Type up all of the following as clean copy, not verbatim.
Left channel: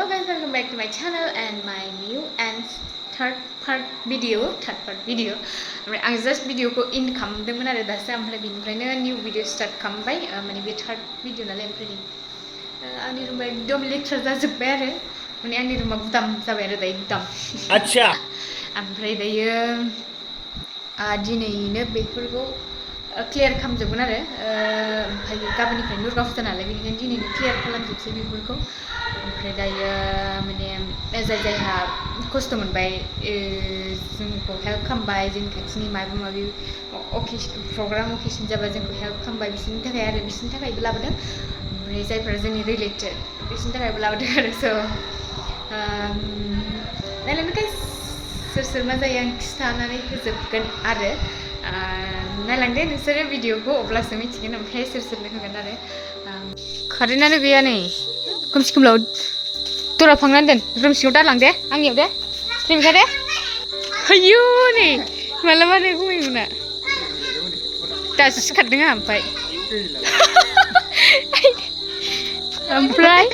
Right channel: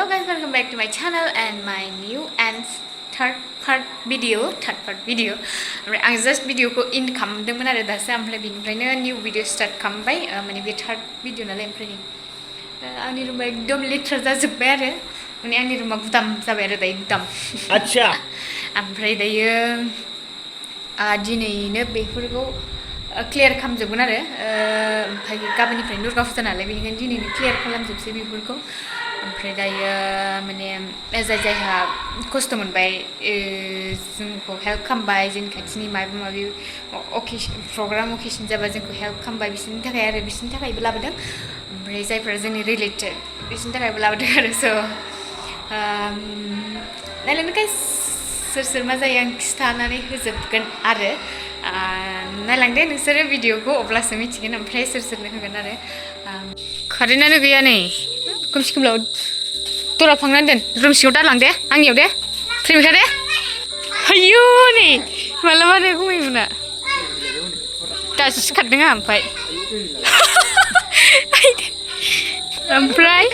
Hello guys, welcome back to my channel and my new and third part video. ओमफ्राय आं just भिडिअखौ end खालामदोंमोन आरो दासो ओमफ्राय बिनिफ्रायनो new video start खालामबाय माने बे third video नालाय ओमफ्राय आंनि रुमा एकदम लेथ्रा जाजोब्बाय आरो माने आंनि रुमा गुदाम जाबाय आरो दायो गुदाम आच्छा ओमफ्राय दायो दिनैनो बेफोरखौ क्लियार खालामजोबगोन आरो ओमफ्राय गाबोननिफ्राय दुर्गा फुजा नालाय बेनिखायनो दिनैनो क्लियार खालामजोबसै बेफोरखौ ओमफ्राय दायो माने जायहा खस्थ' मोनबाय जोंखौ हेल्प खालामबाय जोंनि खाथिनि माबा माबि प्रग्राम अकेसन जाबा जोंखौ हेल्प खालामबाय बिसोरनि थाखाय आरो बिसोरनि थाखायबो लाबोदों ओमफ्राय जायफोरा जोंनि रिलेटेड बिसोरनि थाखायबो लाबोदों आरो स' नायलांदो गाइस सोर सोर मा जायो आं खिथानानै होजोबगोन आरो नायलांदे नोंसोरो भिडिअखौ अब्लासो मिथिगोन ओमफ्राय सोर सोरनो होगोन आरो कारेन्टआनो गैया नै खोमसि खोमलाव दरा फांनानै दोन रुम सिङाव दालांदे आंनियाव दे प्रेमिका दे आयौ नै मालाबानो गुमैमोना दासो सिखारदों आं ओमफ्राय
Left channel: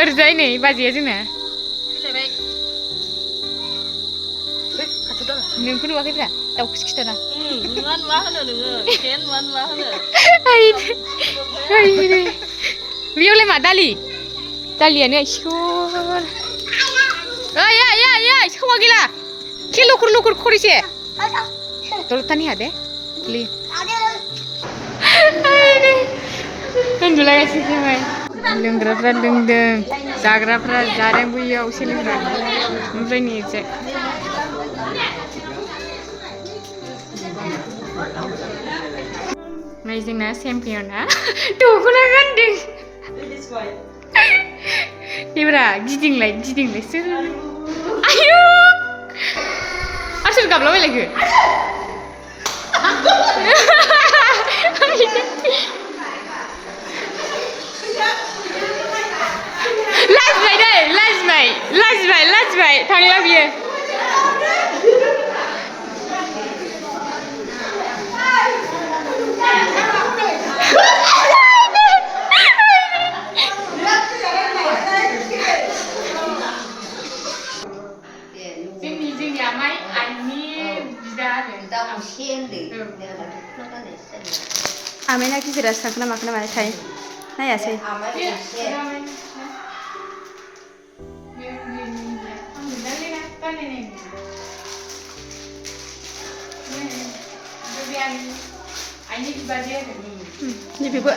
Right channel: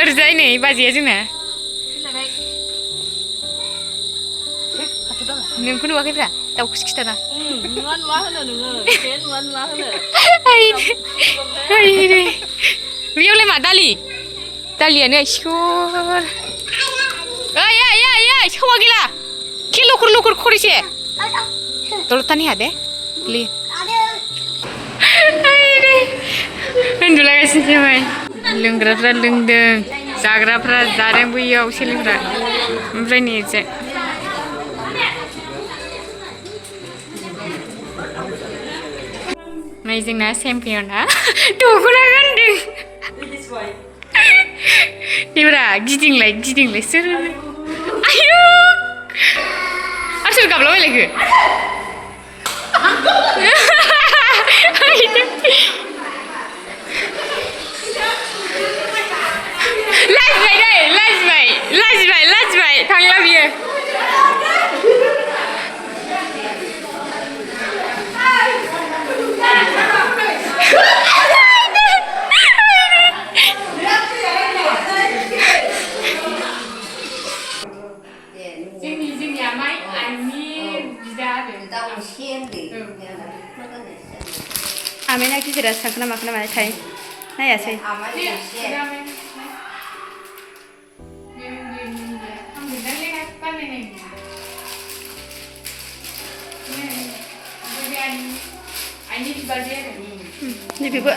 ओरैजाय नै बाजैया जोंना नोंखौ नुवाखैब्रा दाउखौसो खिथाना मा होनो नोङो मा होनो बेयावलाय मा दालियानो इसोर ओइ सौवा गैला के लखर खरिसे दलतानि हादे ली उन्दुलागासिनो जाबाय लोंग्राफ्रा लोंदों जाग्राफ्रा जादों बैयाव सोलोंग्रा ओमफ्राय नै नै जोंना चेम्पियना दख'ना गानदों बेब्रा गिदिंलाय सोर आयौ सोर गाबलाबायलायखो लाजिबाय थांला बियो आमायना गिदिरासो थांखोना माखोना माथाय नायासै बेबो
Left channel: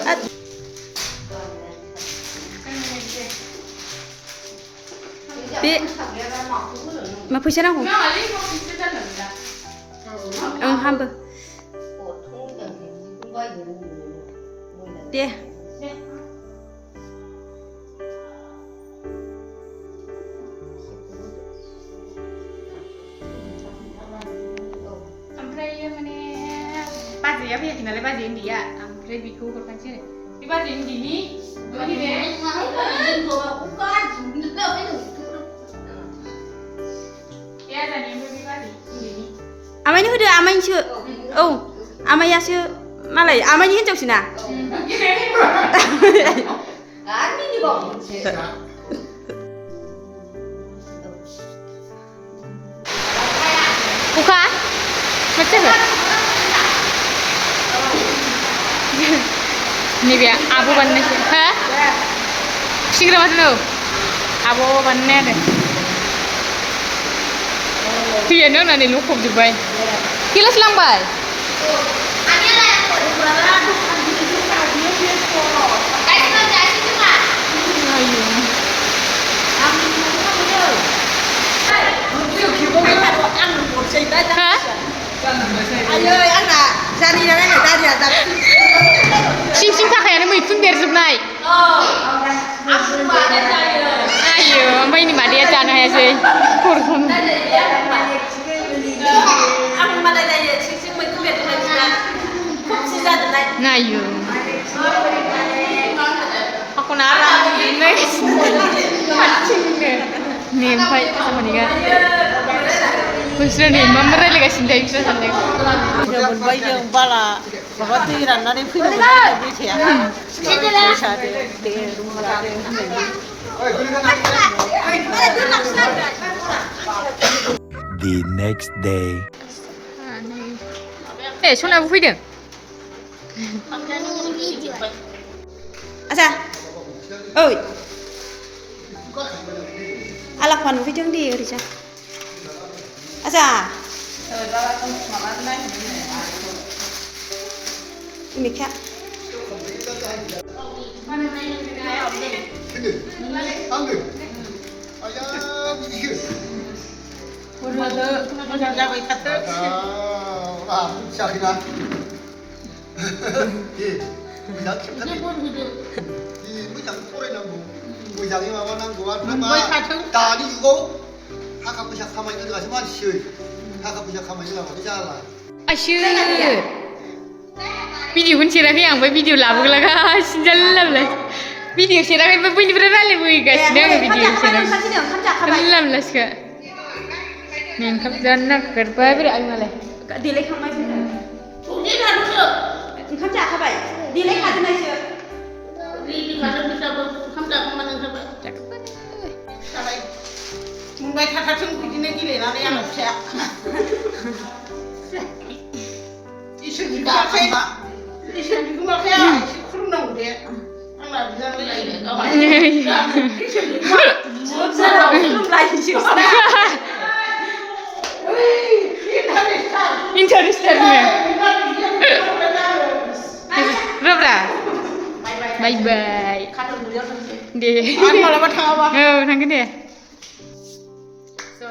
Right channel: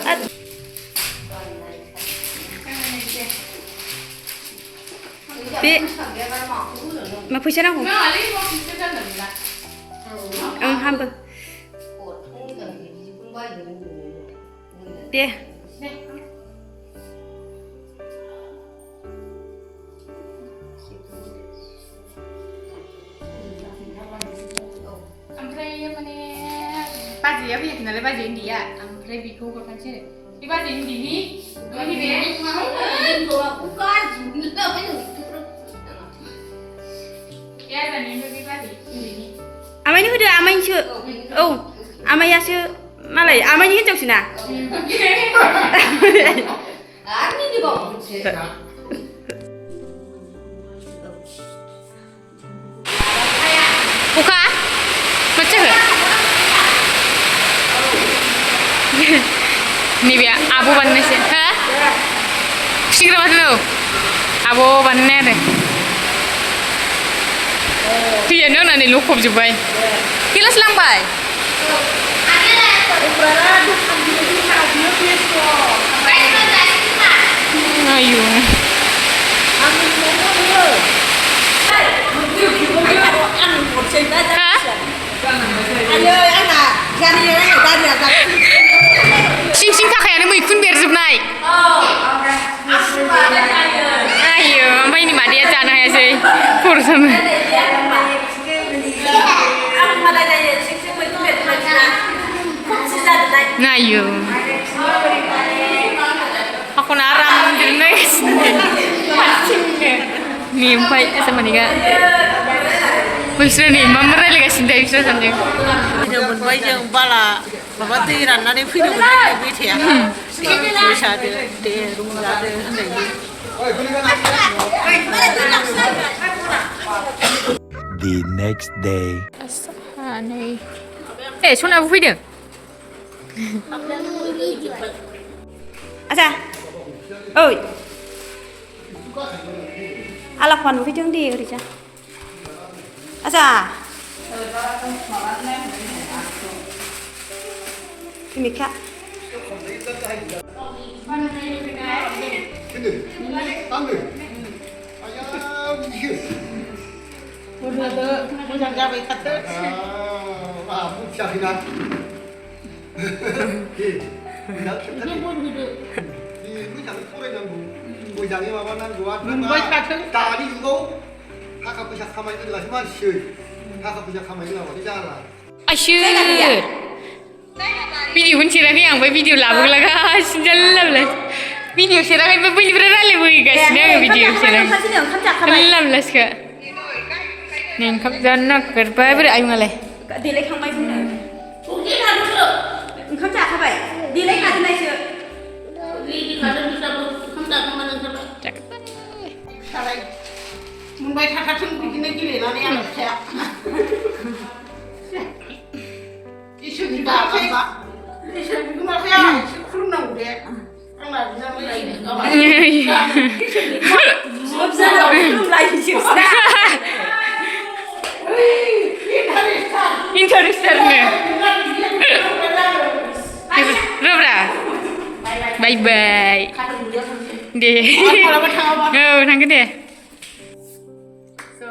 बे मा फैसा नांगौ ओं हामबो दे ओमफ्राय माने बाजैया फैयाखै नालाय बाजै उन्दैया ओमफ्राय बेखौ हरफानोसै आरो बे बाजै उन्दैनि आमायनो होदो आमायनिसो औ आमायासो मालाय आमायनि हिनजावसोना अखा मा जाखो नैबे आब' बानायनायसो हा खुसिग्रा माथो औ आब' बानायनाय आरो फैयानो होननानै लखबजोब्बाय गिलास लांबाय आयौ सिं थाखायानो मैखुन बेरजोबनाय आयौ ओमफ्राय नै मादैया जानो हायासै खर'सानो नायो आखौना आराम उन्दुनो हारसिंनो नै ओमफ्राय आसामानिगा बैसोरो नै मा रायलायगासिनो थायो बिसोर सानदों मोनबाय जों बाला माबा दै राननानै फैनो मोनदों बेथाया मोसादो दे रुम लादो होननायनि The next day. सनाबो फैदों आसा ओइ आलाफा नुफैदों दे ओरैजा आसा इमिखा मोजां जाबाय थाथो मिथियाखैना मोजां फरायनांगौ मोजाङै माबानांगौ आरो दानि जुगाव थाखा फैसा खामायनो रोङासो मानसि थाखा फैसा खामायनो रोङाबाथाय जाला आयसोर भिडिअखौनो सेराखै आं ओमफ्राय भिडिअ लाबोग्लागासिनो जाल्ला भिडिअ सेराखै ओमफ्राय बैनिफ्राय रायलायबोगासिनो आङो भिडिअ सेराखै जाल्ला मोनलासोखा नै ओंखाम जानो नागिरबाय बोरै आयंआलाय देलायखांबाय बुंदों ओंखाम जाखाबाय देलायखादोंनायसो मोनबाय थाखाथों बिदिनो गेलेनानै आंना फिसाया इसोरनि गाबा इसोरनि गोमाखै आं एसे खुलुमनांगौ दे आंना इन्टारेस्टारनो रब्रा बाय बाय दे मालाबा थाङाबा औ थांगोन दे स'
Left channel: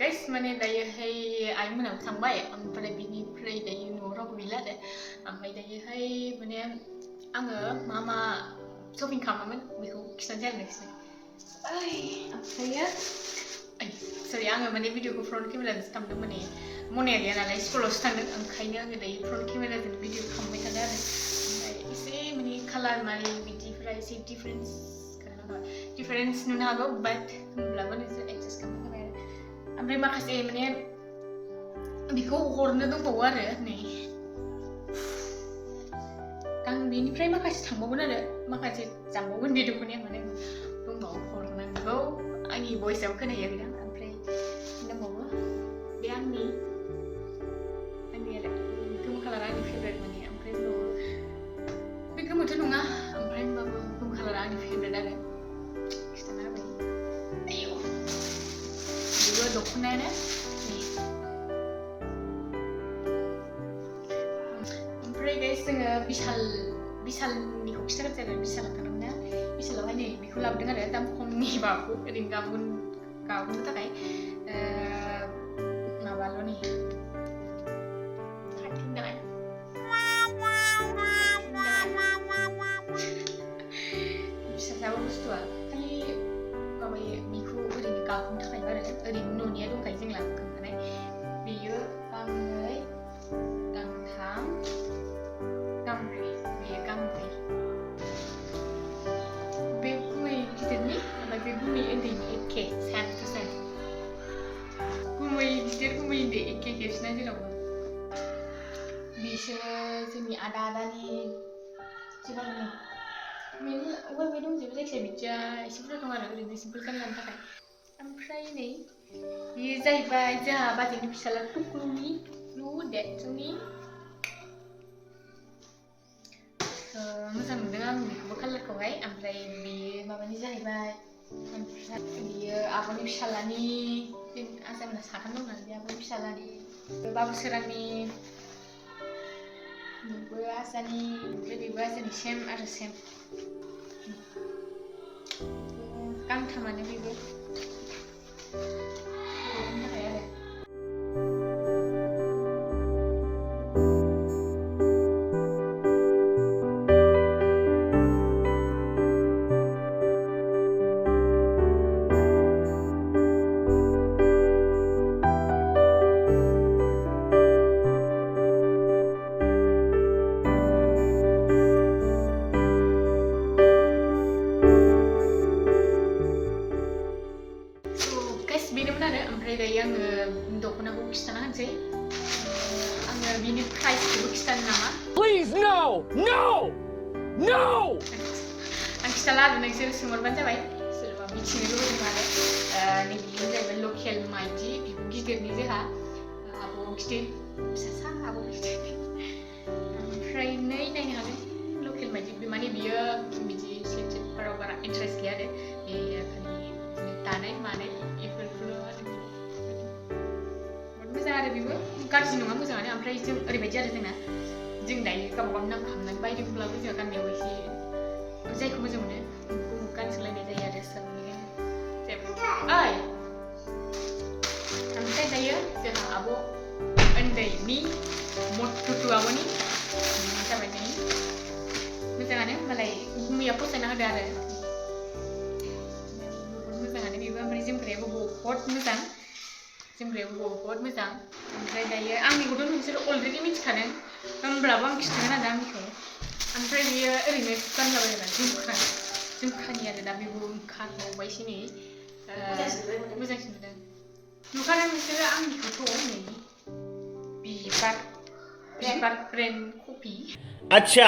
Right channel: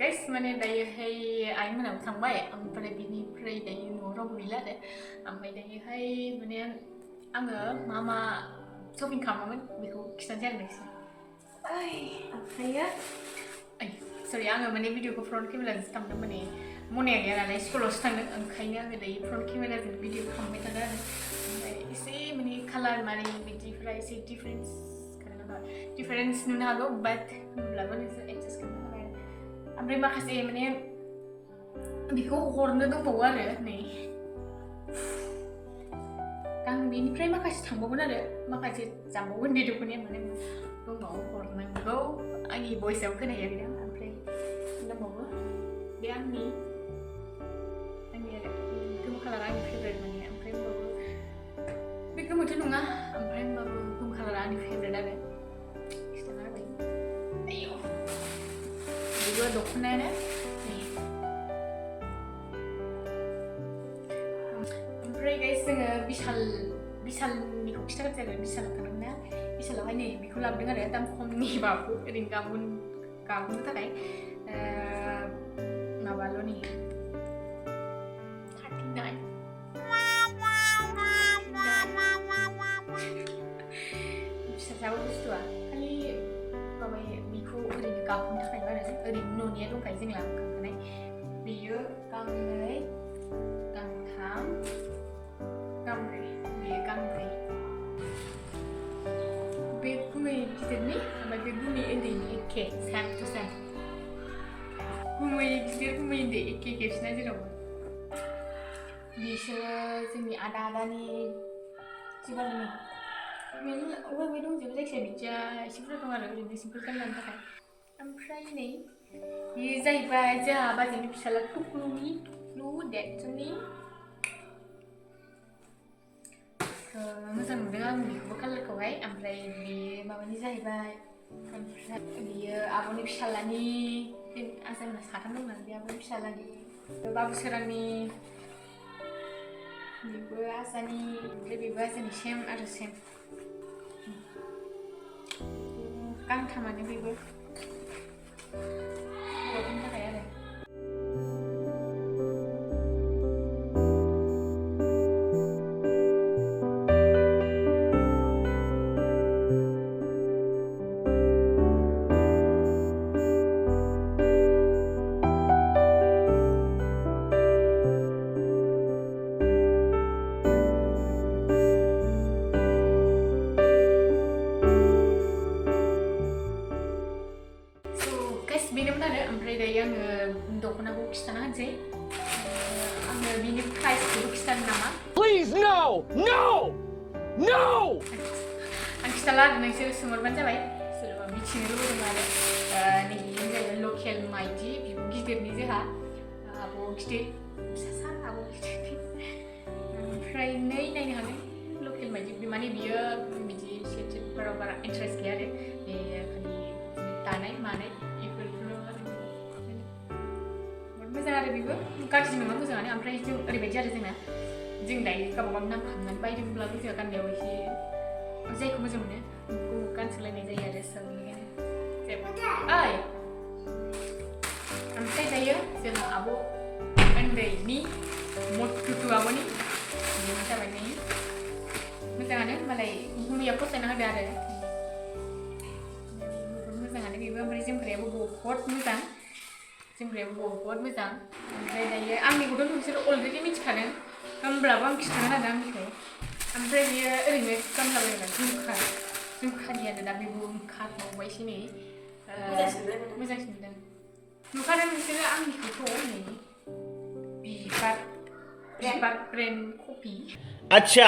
गाइस माने दायोहाय आइमोनाबो थांबाय ओमफ्राय बिनिफ्राय दायो न'आव रावबो गैला आरो ओमफ्राय दायोहाय माने आङो मा शपिं खालामामोन बेखौ खिन्थानोसै आरो नोंसिनो ओमफ्रायो सरि आङो माने भिडिअखौ फ्रन्ट केमेराजोंसो खालामदों माने मनाया गैया नालाय स्कुलावसो थांदों ओंखायनो आङो दायो फ्रन्ट केमेराजों भिडिअ खालामबाय थादों आरो ओमफ्राय एसे माने कालार माने बिदिफोरा एसे डिफारेन्स नुनो हागौ बाट होमब्लाबो नोंसोर एडजास्ट खालामनो थाखाय आरो ओमफ्राय माखासे माने बेखौ हरनो दंबावो आरो नै आं बेनिफ्राय माखासे थांबावगोन आरो माखासे जांबावगोन बे दख'नाया माने दंबावो हरनांगौ आंनि भइसआव खोनाहैयाखैदां ओमफ्राय दंबावो बे आंनि आरो गोमो कालारा आंनि फेभरेट माने ओमफ्राय होमबाबो बे गोमोथ' नङा ओमफ्राय होमबाबो गोमो कालारा आंनि फेभरेट आरो खिथाना होबाय आयौ बेबो दख'नायानो नै ओमफ्राय गाइस जोङो बिशालनिखौ खिथाग्रोसै आरो बिशालाव थांदोंमोन ना बिशालावहाय नै बेखौ लाबोदों आरो दाम खमनि माबाखौ ओरैनो गाबहोनो थाखाय माबाल' नै 39 फिसासाबो बुस्थुआ खालि माबायो बेखौ ओरैनो गाबहोनो थाखाय आरो ओरैनो न'निया दंखायो जों लाबोखांखानाय बेयो गांनै गांथाम गांब्रै बेयो गांब्रै बे गुमै गिदिरनि ओमफ्राय बे गुमै उन्दैनि एखे सेम टु सेम गुमै गिदिर गुमै उन्दै एखे खेबसेना जेरावबो बिसोरो जोंनि आदानि जिबानि मेरला अबे दंजोबो जायखिजाया बिदिया एसे बुरजा दं आरो ओरैनो सिम्पोल गानलांनो थाखाय ओमफ्राय नै बेयो जाहैबाय जोंहा बाजैनि फिसाला टुक्लुनि देरसुनि मोजां नुदों आं बेखौबो कालारखौहाय ओमफ्राय बेयो माबानि जाहैबाय ओमफ्राय बेयो आब'नि फिसालानि आजामोना साथाम दं नालाय बे आब'नि फिसालानि बाबुसोरांनि बेबो आजानि ओमफ्राय बेबो आजानि सेम आरो सेम गांथामानो बेबो हौवाफोरनि थाखाय आरो बेनोमोन आरो ओमफ्राय दायो आङो दख'नाखौ खिथाना होनोसै आङो बिनि प्राइसखौबो खिथानो नामा Please, no! No! No! आं खिथाला आरो नोंसोर सोंहरबानो जाबाय सोरबा मिथिनो लुबैदों आरो नैबेयो जाहैबाय लकेल माइदि बिब' गिदिरनि जोंहा आब' गिदिर फिसासा आब' गिदिर ओमफ्राय नायनो हागोन लकेल माइदि माने बियो बिदि सेटफोराव बारा इन्टारेस्ट गैया आरो बे खालि दानाय मानाय बेफोरखौल' आरो बहुत मोजां आरो बेबो गाज्रि नङा मोजाङानो ओमफ्राय जों ओरैबायदि आरो जोंना जों दायो गावबा गाव नाम खालामनानै बायदोंब्लाबो जोंहा गाननायाव एसे जायखौ मोजां मोनो बेखौ गानसोलायनाय जायो आरो स' बेनिखायनो जेबो ओइ ओमफ्राय दायो जोंहा आब' उन्दैनि मटुटु आब'नि जाबाय नै मोजाङानो मालाय मैया फसायना होदो आरो बहुत मोजाङानो बेबो ओमफ्राय जोमग्रायाबो बहुत मोजां जोमग्रायाबो बहुत मोजां ओमफ्राय दायो आंनिखौथ' नोंसोर अलरेडि मिथिखादों होमब्लाबो आं खिन्थागोन आरो आंनिखौ ओमफ्राय बियो ओरैनो गानलाबायग्रा झुमखानि आरो दा बेबो ओंखारबावबायसो नै मोजांसिन नुदों नुखादों नोंसोरो आंनिखौथ' नै बिबार ब्रेन्ड कपि अच्छा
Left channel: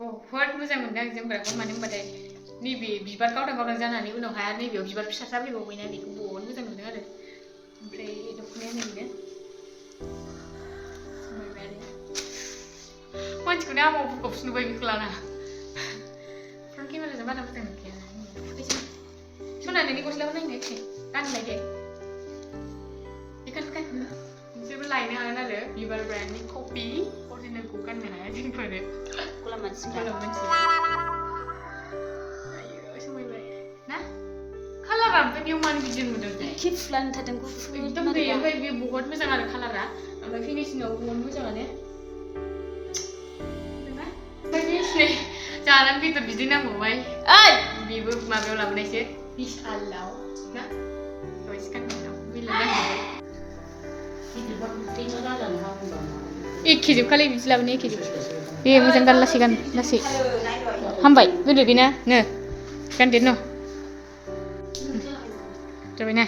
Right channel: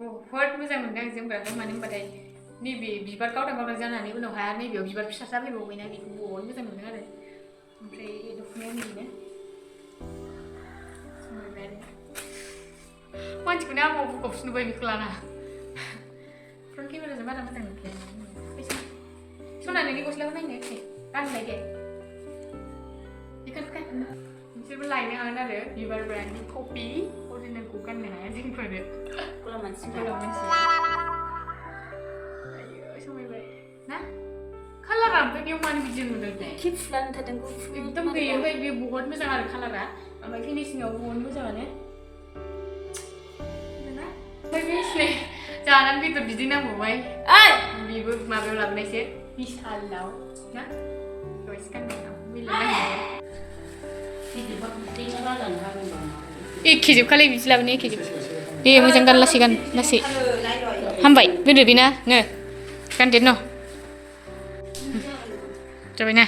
बहुत मोजां मोनदों आं जोमग्राखौ मानो होनबाथाय नैबे बिबार गावदां गावदां जानानै उनावहाय नैबेयाव बिबार फिसा फैबावबायना बेखौ बहुत मोजां नुदों आरो ओमफ्राय दख'नाया नैबेनो समायबाय आरो मानसिखौनो आमाव बुकआवसो नुबाय बेखौ लाना फ्रन्ट केमेराजों बारा मोजां नुखाया सना नोंनि गस्लाखौ नायनो गानलाय दे बेखौनो गान नोंसोरबो लायनो हागोन आरो बिबार ब्रेन्डनि कपि अरिजिनेलखौ गाननो हाया जोंफोरो गलाम मानसि आयो समायबाय ना कालारा ओमफ्राय बेयाव मानो बिदि नुदों खेबसुलानो थादों एकदम गैयो ओमफ्राय बेयो बहुत मोजां आरो कालारा ओमफ्राय फिनिशिंआव बहुत मोजाङानो ओमफ्राय बे सिनै जानानै बेदर बिदै नांबावबाय बेबो माबायाव लाबोनायसो बिशालाव ना दहाय गाननायाव मिलायनांगौ एखेजोबखालै बिदि लाबोनो एखेजोब दे मोजां गान लासै हामबाय दोनदो दे ना नो गानदो न' जाबाय ना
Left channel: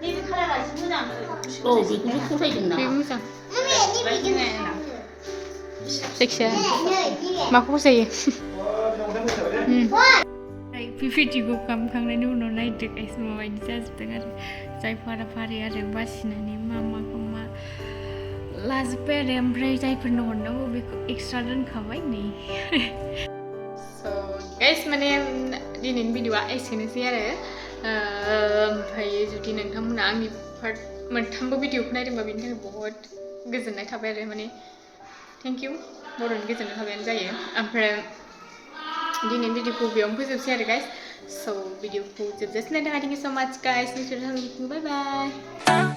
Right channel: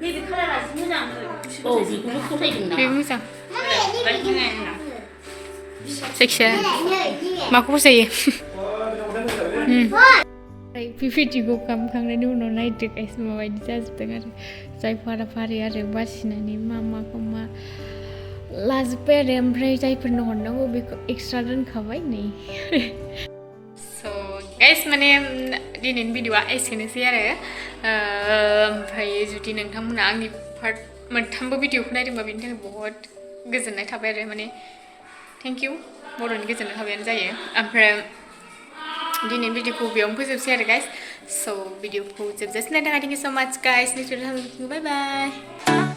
नैबे कालारासो मोजां बे मोजां जायखिजाया माखौ फसायो बे भिडिअखौ खालामखांनायनि उनाव नायदो गाइस माबायदि जाजोबदों आरो जाय फारि आरो बासिनानै माखौ मा लाजोब्बाय आरो ओमफ्राय जायफोरनो हरनांगौ बेखौ एक्सट्रा दोनखाबाय नै स' गाइस माने दिनैनि भिडिअआ एसेनोसै आरो ओमफ्राय जुदि नोंथांमोना आंनि पार्ट मोनथामबो भिडिअखौ नायदोंबा बेनि थाखाय बहुत गोजोननाय थाबाय आरो माने थेंक इउ बर'नि गोजोननाय थाबायानो जायो ओमफ्राय दिनैनि भिडिअखौ बेयावनो फोजोबसै आरो गाइस स' भिडिअखौ जोबजासिम नायनो थाखाय थेंक इउ स' माच गाइस नेक्स्ट भिडिअ बाय बाय